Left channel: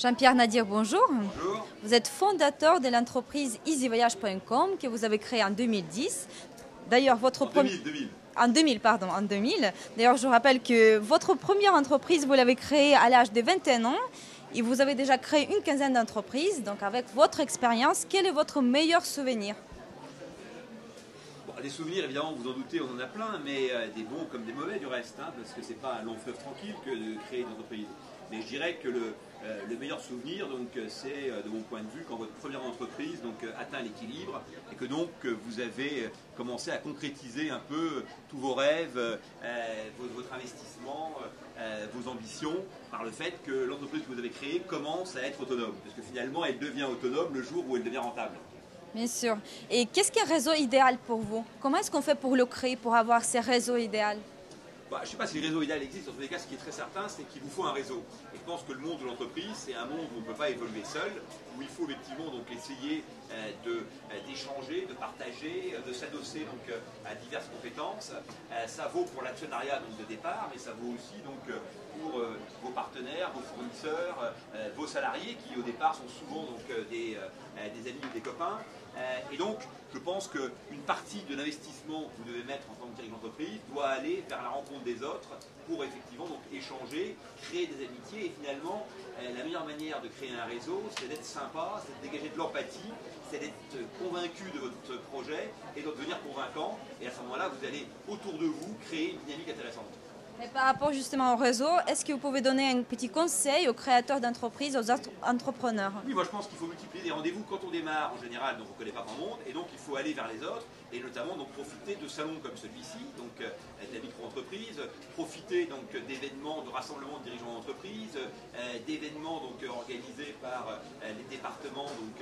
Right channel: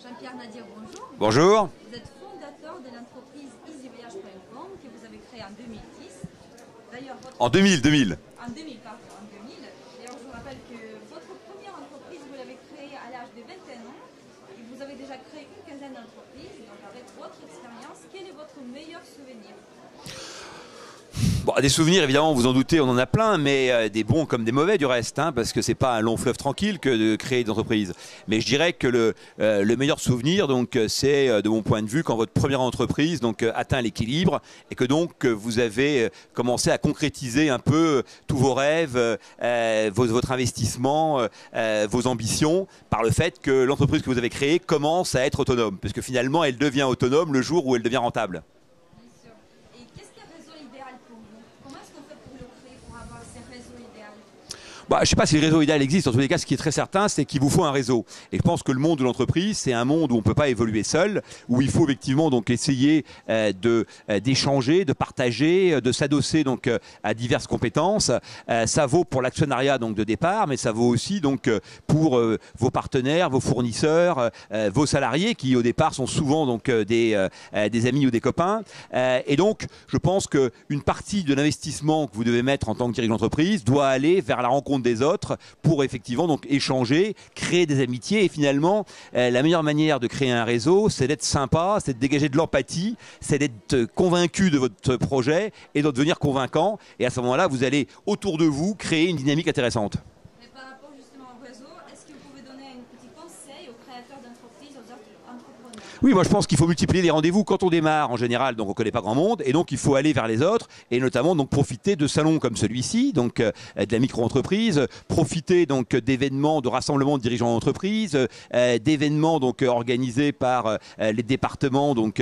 Jean-Pierre Nadir, bonjour. Bonjour. Vous êtes fondateur de l'entreprise easyvoyage.com que vous avez créée en 2010. D'ailleurs, En 2000. En 2000, pardon, en 2000. D'ailleurs, je rappelle que votre première entreprise, vous l'avez créée à l'âge de 21 ans et vous avez déjà créé une quinzaine d'entreprises. Donc, avec votre expérience, quel est votre meilleur souvenir? Bon, des souvenirs, évidemment, vous en doutez, on en a plein, mais des bons comme des mauvais du reste, hein, parce que c'est pas un long fleuve tranquille que de créer une entreprise. Mais je dirais que le meilleur souvenir, donc, c'est de mon point de vue quand votre première entreprise donc atteint l'équilibre et que donc vous avez commencé à concrétiser un peu tous vos rêves, votre investissement, vos ambitions, par le fait que l'entreprise que vous avez créée commence à être autonome, parce que finalement, elle devient autonome le jour où elle devient rentable. Bien sûr. Et qu'est-ce qu'un réseau idéal pour vous? Comment est-ce qu'on fait pour le créer, pour avoir ces réseaux idéaux? Je ne sais pas si le réseau idéal existe. En tous les cas, ce qui est très certain, c'est qu'il vous faut un réseau. Et je pense que le monde de l'entreprise, c'est un monde où on ne peut pas évoluer seul, où il faut effectivement donc essayer d'échanger, de partager, de s'adosser donc à diverses compétences. Ça vaut pour l'actionnariat donc de départ, mais ça vaut aussi donc pour vos partenaires, vos fournisseurs, vos salariés qui au départ sont souvent donc des amis ou des copains. Et donc, je pense qu'une partie de l'investissement que vous devez mettre en tant que dirigeant d'entreprise doit aller vers la rencontre des autres pour effectivement donc échanger, créer des amitiés et finalement la meilleure manière de créer un réseau, c'est d'être sympa, c'est de dégager de l'empathie, c'est d'être convaincu de votre projet et de devenir convaincant, et à ce moment-là vous allez autour de vous créer une dynamique intéressante. Par rapport justement au réseau, est-ce que vous pouvez donner un petit conseil aux créateurs d'entreprises, aux entrepreneurs? Oui, moi je pense qu'il faut multiplier les rendez-vous quand on démarre en général, donc on ne connaît pas grand monde, et donc il faut aller vers les autres, et notamment donc profiter de salons comme celui-ci, donc de la micro-entreprise, profiter donc d'événements, de rassemblements de dirigeants d'entreprise, d'événements donc organisés par les départements donc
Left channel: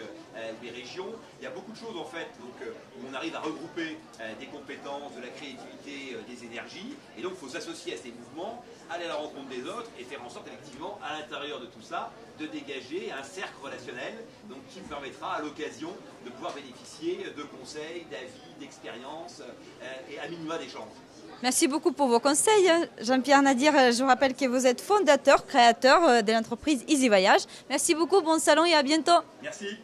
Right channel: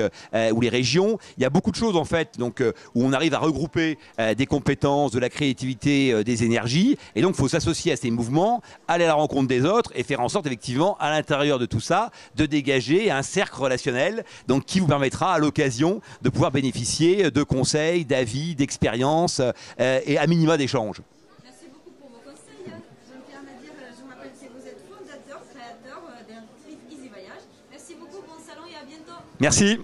ou les régions. Il y a beaucoup de choses en fait donc où on arrive à regrouper des compétences, de la créativité, des énergies, et donc il faut s'associer à ces mouvements, aller à la rencontre des autres et faire en sorte effectivement à l'intérieur de tout ça de dégager un cercle relationnel donc qui vous permettra à l'occasion de pouvoir bénéficier de conseils, d'avis, d'expériences et à minima d'échanges. Merci beaucoup pour vos conseils. Jean-Pierre Nadir, je vous rappelle que vous êtes fondateur, créateur de l'entreprise Easy Voyage. Merci beaucoup, bon salon et à bientôt. Merci.